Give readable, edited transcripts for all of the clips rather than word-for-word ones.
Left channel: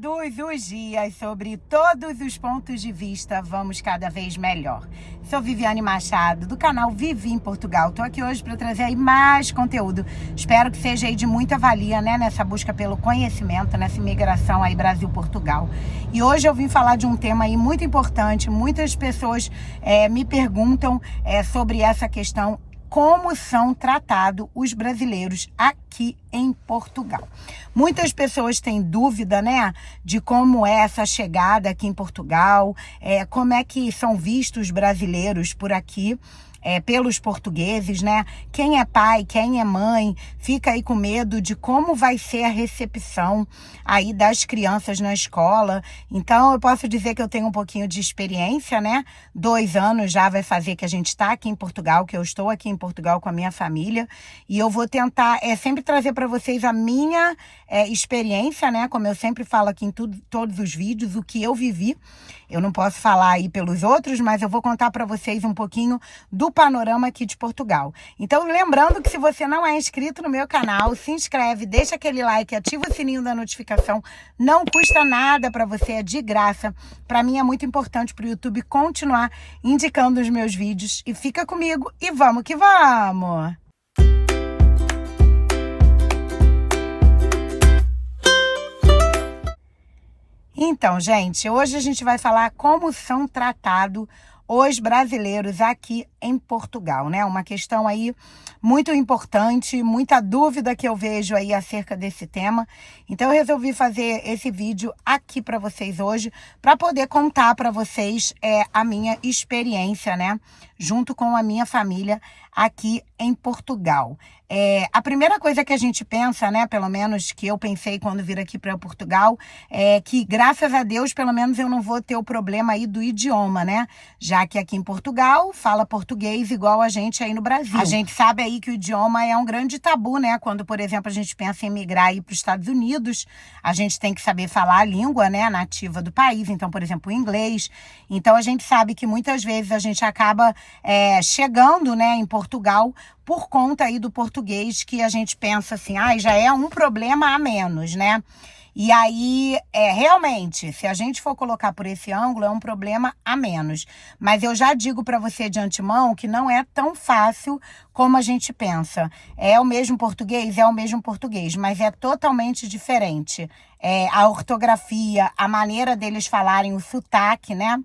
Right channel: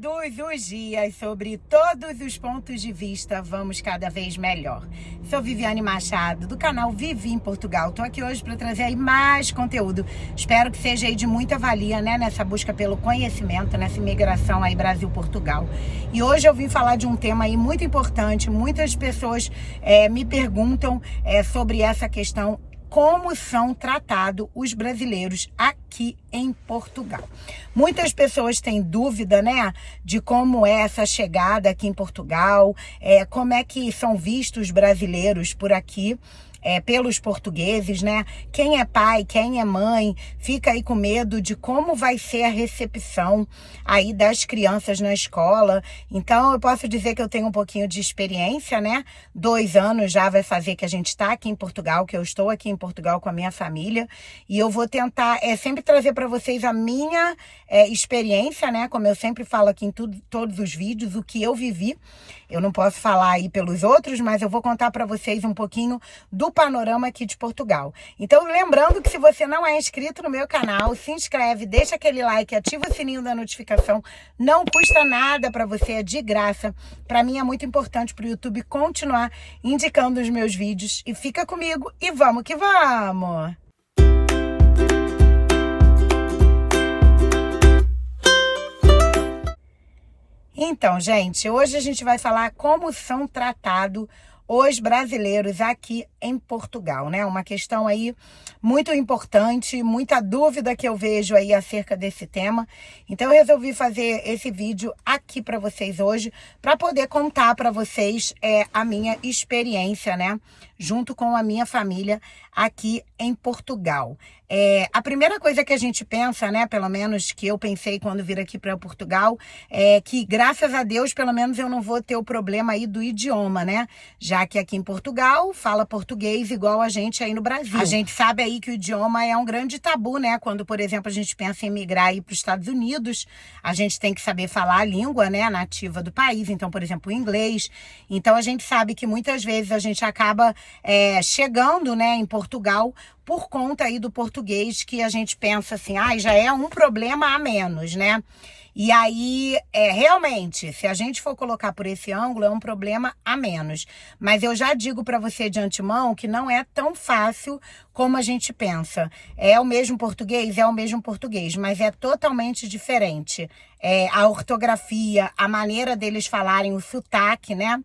Todos os dias, sobre todos os pontos de vista, vamos cada vez melhor. Sou Viviane Machado, do canal Vivi em Portugal. Estou aqui hoje para trazer aí mais conteúdo. Espero que seja aí de muita valia, né? Nessa busca pelo conhecimento, nessa imigração aí Brasil-Portugal. E hoje eu vim falar de um tema aí muito importante. Muitas pessoas me perguntam sobre essa questão. Como são tratados os brasileiros aqui em Portugal. Muitas pessoas têm dúvida, né, de como é essa chegada aqui em Portugal, como é que são vistos os brasileiros por aqui, pelos portugueses, né? Quem é pai, quem é mãe, fica aí com medo de como vai ser a recepção aí das crianças na escola. Então, eu posso dizer que eu tenho um pouquinho de experiência, né? 2 anos já vai fazer que a gente está aqui em Portugal, que eu estou aqui em Portugal com a minha família. E eu vou tentar sempre trazer para vocês a minha experiência, né? Como eu sempre falo aqui em todos os vídeos, o que eu vivi. Eu não posso falar aí pelos outros, mas eu vou contar para vocês um pouquinho do panorama aqui de Portugal. Então, lembrando que se você não é inscrito no meu canal, se inscreve, deixa aquele like, ativa o sininho da notificação. Não custa nada para você, é de graça. Para mim é muito importante para o YouTube continuar indicando os meus vídeos. E fica comigo e vamos que vamos! Então, gente, hoje a gente vai falar como são tratados os brasileiros aqui em Portugal, né? Uma questão aí muito importante, muita dúvida que eu vejo aí acerca desse tema. Então, eu resolvi fazer esse vídeo aqui para vocês hoje, para poder contar para vocês a minha experiência, né? Junto com a minha família aqui em Portugal. A primeira coisa que a gente pensa, né, pelo menos que eu pensei quando vir aqui para Portugal, é que graças a Deus, pelo menos eu não vou ter o problema aí do idioma, né? Já que aqui em Portugal fala português igual a gente aí no Brasil. A gente sabe aí que o idioma é um grande tabu, né? Quando, por exemplo, a gente pensa em migrar aí para os Estados Unidos, a gente tem que saber falar a língua, né, nativa do país. Então, por exemplo, o inglês. Então, a gente sabe que muitas vezes a gente acaba chegando, né, em Portugal por conta aí do português, que a gente pensa assim, já é um problema a menos, né? E aí, realmente, se a gente for colocar por esse ângulo, é um problema a menos. Mas eu já digo para você de antemão que não é tão fácil como a gente pensa. É o mesmo português? É o mesmo português, mas é totalmente diferente. A ortografia, a maneira deles falarem, o sotaque, né?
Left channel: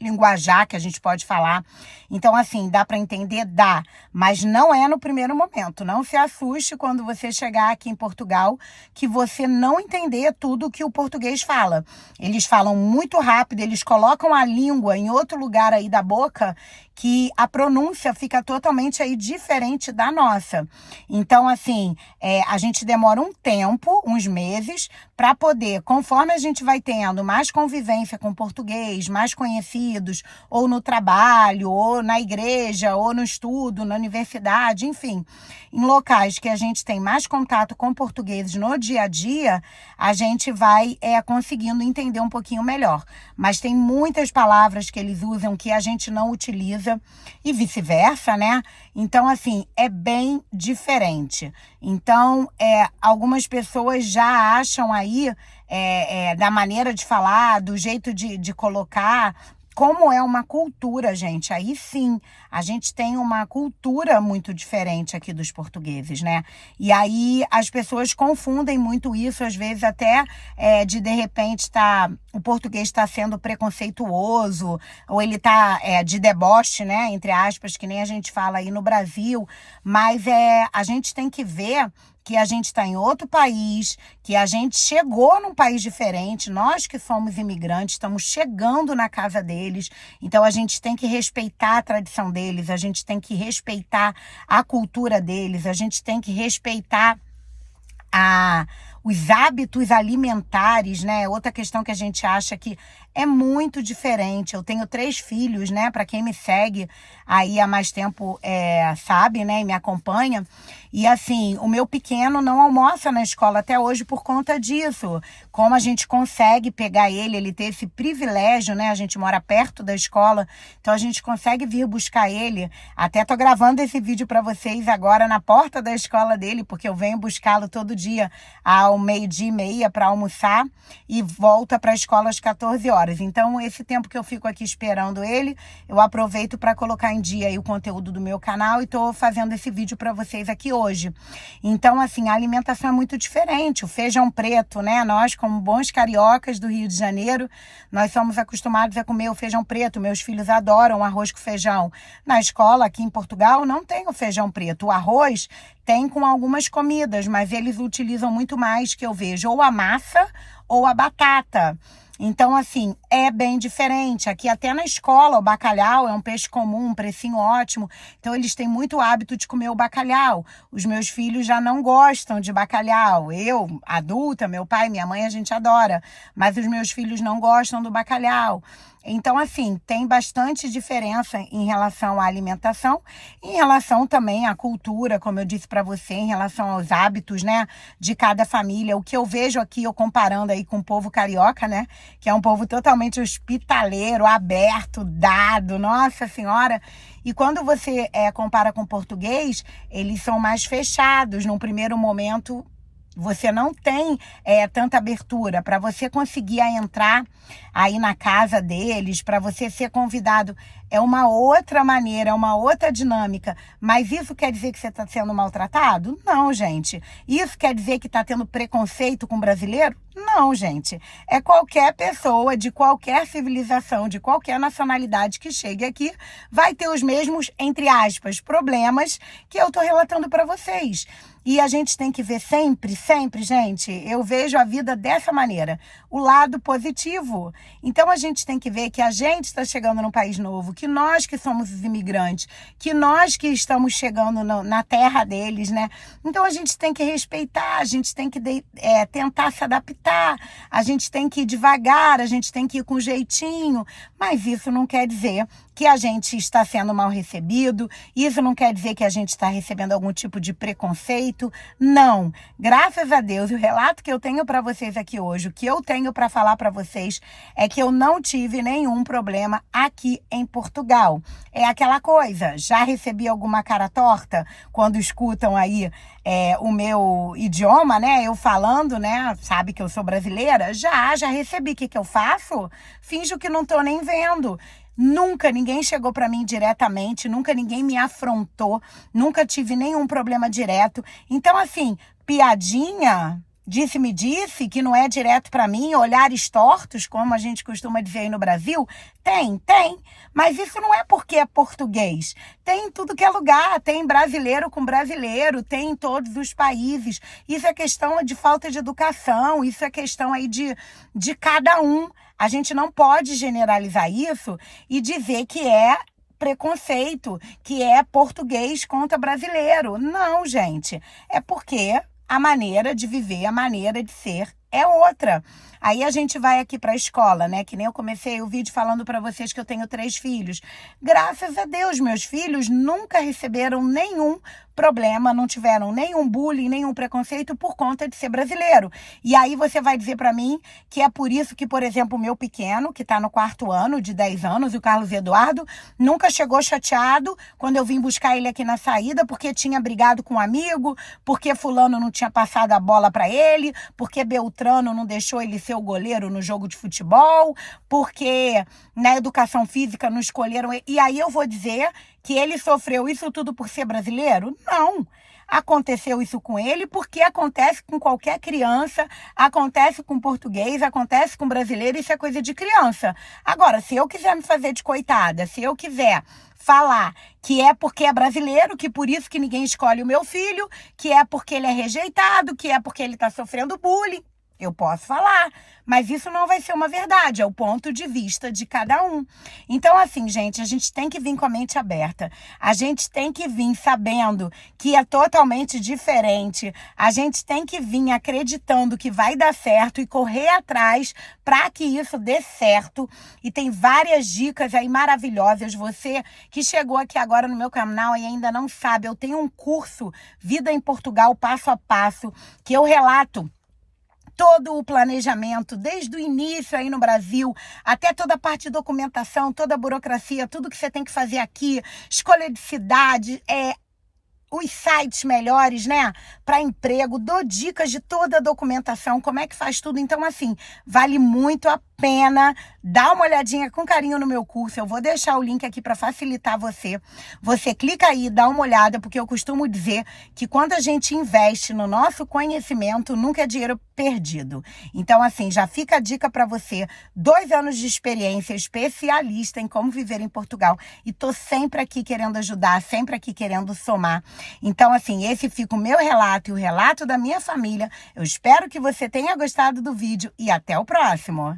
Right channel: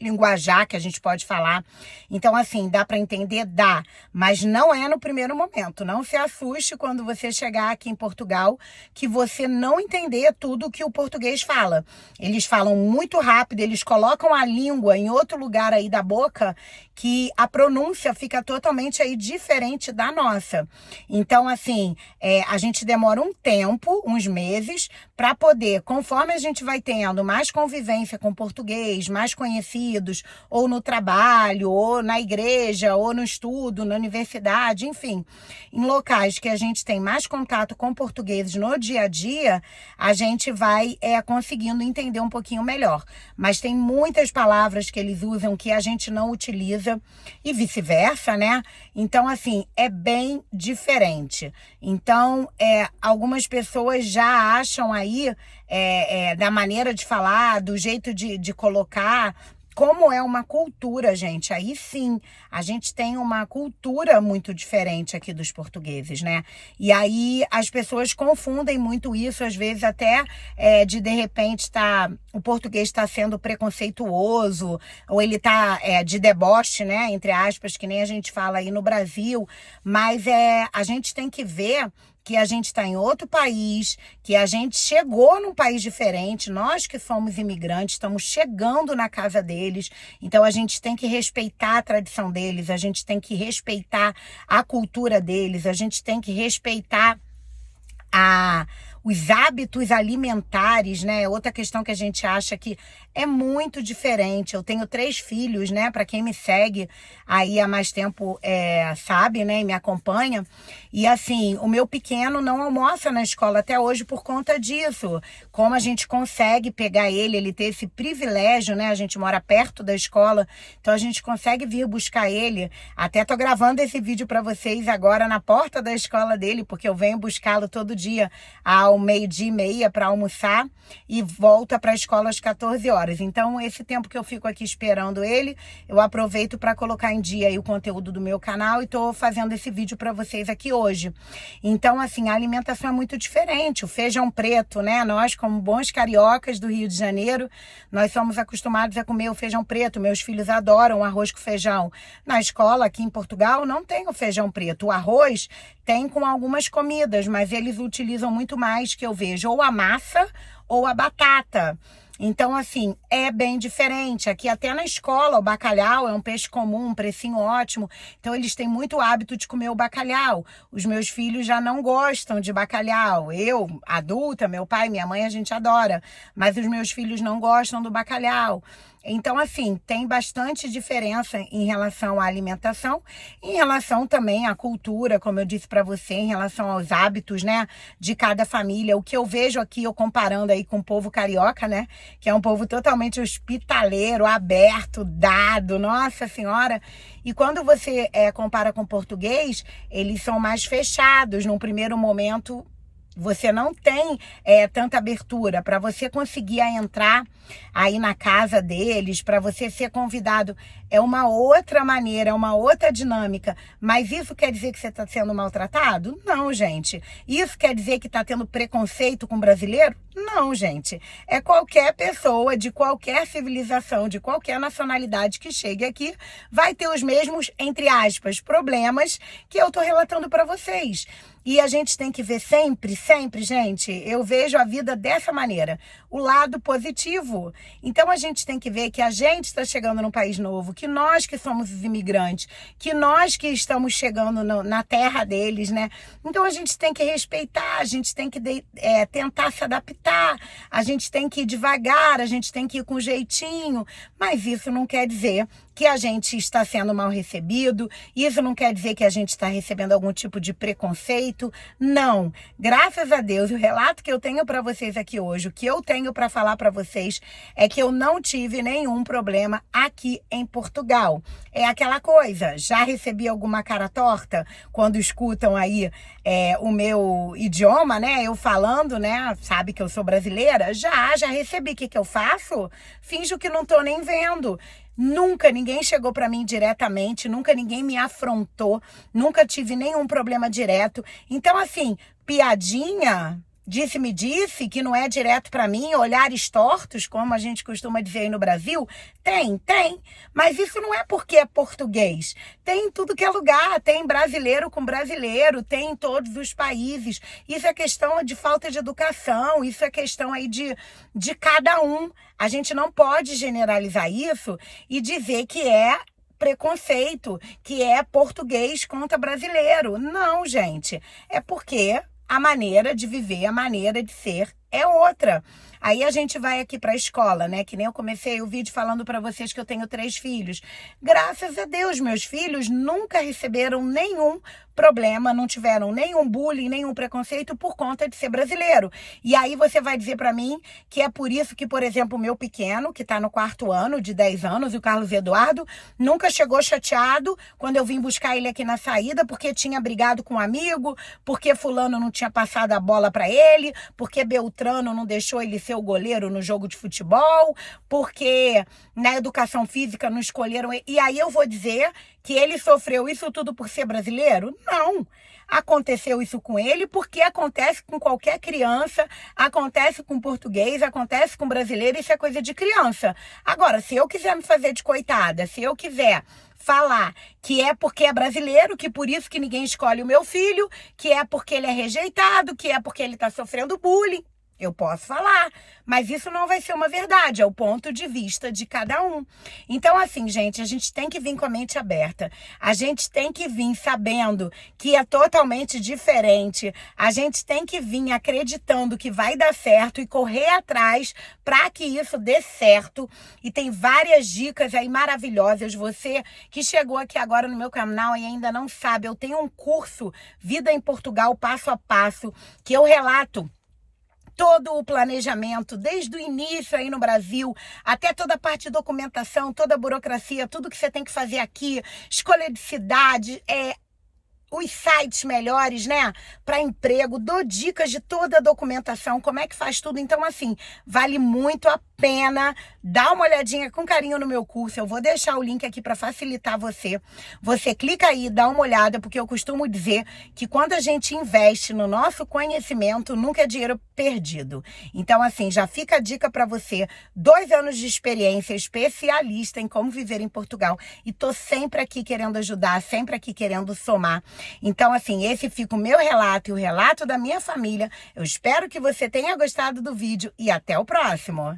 Linguajar que a gente pode falar. Então, assim, dá para entender? Dá. Mas não é no primeiro momento. Não se assuste quando você chegar aqui em Portugal que você não entender tudo que o português fala. Eles falam muito rápido, eles colocam a língua em outro lugar aí da boca que a pronúncia fica totalmente aí diferente da nossa. Então, assim, a gente demora um tempo, uns meses, para poder, conforme a gente vai tendo mais convivência com o português, mais conhecidos, ou no trabalho, ou na igreja, ou no estudo, na universidade, enfim, em locais que a gente tem mais contato com portugueses no dia a dia, a gente vai conseguindo entender um pouquinho melhor. Mas tem muitas palavras que eles usam que a gente não utiliza e vice-versa, né? Então, assim, é bem diferente. Então, algumas pessoas já acham aí, da maneira de falar, do jeito de colocar, como é uma cultura, gente. Aí sim, a gente tem uma cultura muito diferente aqui dos portugueses, né? E aí as pessoas confundem muito isso, às vezes até de repente o português está sendo preconceituoso, ou ele está de deboche, né? Entre aspas, que nem a gente fala aí no Brasil. Mas a gente tem que ver que a gente está em outro país, que a gente chegou num país diferente, nós que somos imigrantes, estamos chegando na casa deles, então a gente tem que respeitar a tradição deles, a gente tem que respeitar a cultura deles, a gente tem que respeitar os hábitos alimentares, né? Outra questão que a gente acha que é muito diferente. Eu tenho 3 filhos, né? Para quem me segue aí há mais tempo, sabe, né? E me acompanha. E assim, o meu pequeno não almoça na escola até hoje por conta disso. Como a gente consegue pegar ele ter esse privilégio, né? A gente mora perto da escola, então a gente consegue vir buscar ele. Até tô gravando esse vídeo para vocês agora na porta da escola dele, porque eu venho buscá-lo todo dia, ao 12h30 para almoçar e volta para a escola às 14 horas. Então, esse tempo que eu fico aqui esperando ele, eu aproveito para colocar em dia aí o conteúdo do meu canal e estou fazendo esse vídeo para vocês aqui hoje. Então, assim, a alimentação é muito diferente. O feijão preto, né? Nós, como bons cariocas do Rio de Janeiro, nós somos acostumados a comer o feijão preto. Meus filhos adoram arroz com feijão. Na escola, aqui em Portugal, não tem o feijão preto. O arroz tem com algumas comidas, mas eles utilizam muito mais, que eu vejo, ou a massa ou a batata. Então, assim, é bem diferente. Aqui até na escola, o bacalhau é um peixe comum, um precinho ótimo. Então, eles têm muito hábito de comer o bacalhau. Os meus filhos já não gostam de bacalhau. Eu, adulta, meu pai, minha mãe, a gente adora. Mas os meus filhos não gostam do bacalhau. Então, assim, tem bastante diferença em relação à alimentação, em relação também à cultura, como eu disse para você, em relação aos hábitos, né, de cada família. O que eu vejo aqui, eu comparando aí com o povo carioca, né, que é um povo totalmente hospitaleiro, aberto, dado, nossa senhora. E quando você compara com o português, eles são mais fechados. Num primeiro momento, você não tem tanta abertura para você conseguir entrar aí na casa deles, para você ser convidado. É uma outra maneira, é uma outra dinâmica. Mas isso quer dizer que você está sendo maltratado? Não, gente. Isso quer dizer que está tendo preconceito com brasileiro? Não, gente. É qualquer pessoa de qualquer civilização, de qualquer nacionalidade que chegue aqui, vai ter os mesmos, entre aspas, problemas que eu estou relatando para vocês. E a gente tem que ver sempre, gente, eu vejo a vida dessa maneira, o lado positivo. Então a gente tem que ver que a gente está chegando num país novo, que nós que somos os imigrantes, que nós que estamos chegando na terra deles, né? Então a gente tem que respeitar, a gente tem que tentar se adaptar, a gente tem que ir devagar, a gente tem que ir com jeitinho, mas isso não quer dizer que a gente está sendo mal recebido, isso não quer dizer que a gente está recebendo algum tipo de preconceito, não. Graças a Deus, o relato que eu tenho para vocês aqui hoje, o que eu tenho para falar para vocês é que eu não tive nenhum problema aqui em Portugal. É aquela coisa, já recebi alguma cara torta quando escutam aí o meu idioma, né? Eu falando, né? Sabe que eu sou brasileira? Já recebi. O que eu faço? Finjo que não tô nem vendo. Nunca ninguém chegou para mim diretamente, nunca ninguém me afrontou, nunca tive nenhum problema direto. Então, assim, piadinha, disse-me disse, que não é direto para mim, olhares tortos, como a gente costuma dizer aí no Brasil, tem. Mas isso não é porque é português. Tem em tudo que é lugar, tem brasileiro com brasileiro, tem em todos os países. Isso é questão de falta de educação, isso é questão aí de cada um. A gente não pode generalizar isso e dizer que é preconceito, que é português contra brasileiro. Não, gente. É porque a maneira de viver, a maneira de ser é outra. Aí a gente vai aqui para a escola, né? Que nem eu comecei o vídeo falando para vocês que eu tenho 3 filhos. Graças a Deus, meus filhos nunca receberam nenhum problema, não tiveram nenhum bullying, nenhum preconceito por conta de ser brasileiro. E aí você vai dizer para mim que é por isso que, por exemplo, o meu pequeno, que está no 4º ano, de 10 anos, o Carlos Eduardo, nunca chegou chateado quando eu vim buscar ele aqui na saída, porque tinha brigado com um amigo, porque fulano não tinha passado a bola para ele, porque Beltrano não deixou ele ser o goleiro no jogo de futebol, porque na educação física não escolheram ele. E aí eu vou dizer que ele sofreu isso tudo por ser brasileiro? Não. Aconteceu isso com ele porque acontece com qualquer criança, acontece com português, acontece com brasileiro, isso é coisa de criança. Agora, se eu quiser me fazer de coitada, se eu quiser falar que é porque é brasileiro, que por isso que ninguém escolhe o meu filho, que é porque ele é rejeitado, que é porque ele está sofrendo bullying, eu posso falar, mas isso não vai ser uma verdade, é o ponto de vista de cada um. Então, assim, gente, a gente tem que vir com a mente aberta. A gente tem que vir sabendo que é totalmente diferente. A gente tem que vir acreditando que vai dar certo e correr atrás para que isso dê certo. E tem várias dicas aí maravilhosas. Você que chegou aqui agora no meu canal e ainda não sabe, eu tenho um curso Vida em Portugal Passo a Passo, que eu relato todo o planejamento, desde o início aí no Brasil, até toda a parte de documentação, toda a burocracia, tudo que você tem que fazer aqui, escolha de cidade, os sites melhores, né, para emprego, dou dicas de toda a documentação, como é que faz tudo. Então, assim, vale muito a pena. Dá uma olhadinha com carinho no meu curso. Eu vou deixar o link aqui para facilitar você. Você clica aí, dá uma olhada, porque eu costumo dizer que quando a gente investe no nosso conhecimento, nunca é dinheiro perdido. Então, assim, já fica a dica para você. 2 anos de experiência, especialista em como viver em Portugal. E tô sempre aqui querendo ajudar, sempre aqui querendo somar. Então, assim, esse fica o meu relato e o relato da minha família. Eu espero que você tenha gostado do vídeo e até o próximo.